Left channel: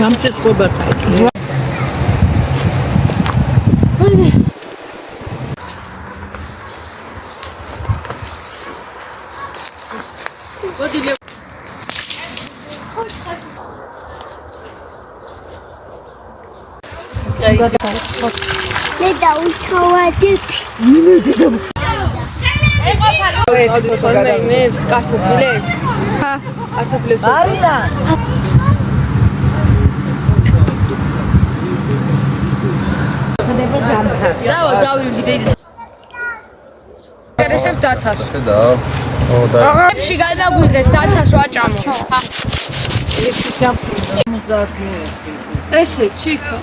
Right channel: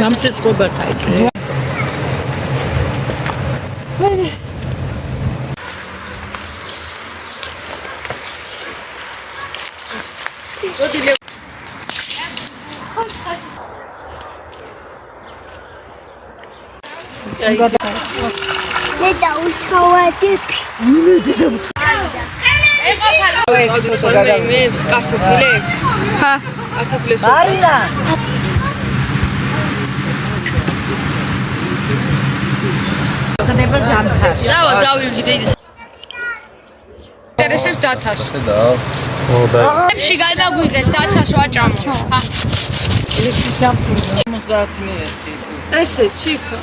Namçı çorba çayı. Deda uçovadık. Yine dedim. Mevs, kartofleks. Ha. Kartofleks. Aynen. Kadar jamper. დავივიდე. ინტერესებს დათას. დაებში გადაგვირეთ დათას ვაჭამო. ეს ჯამპერი 50 მეცი. ესე, ჩიქა.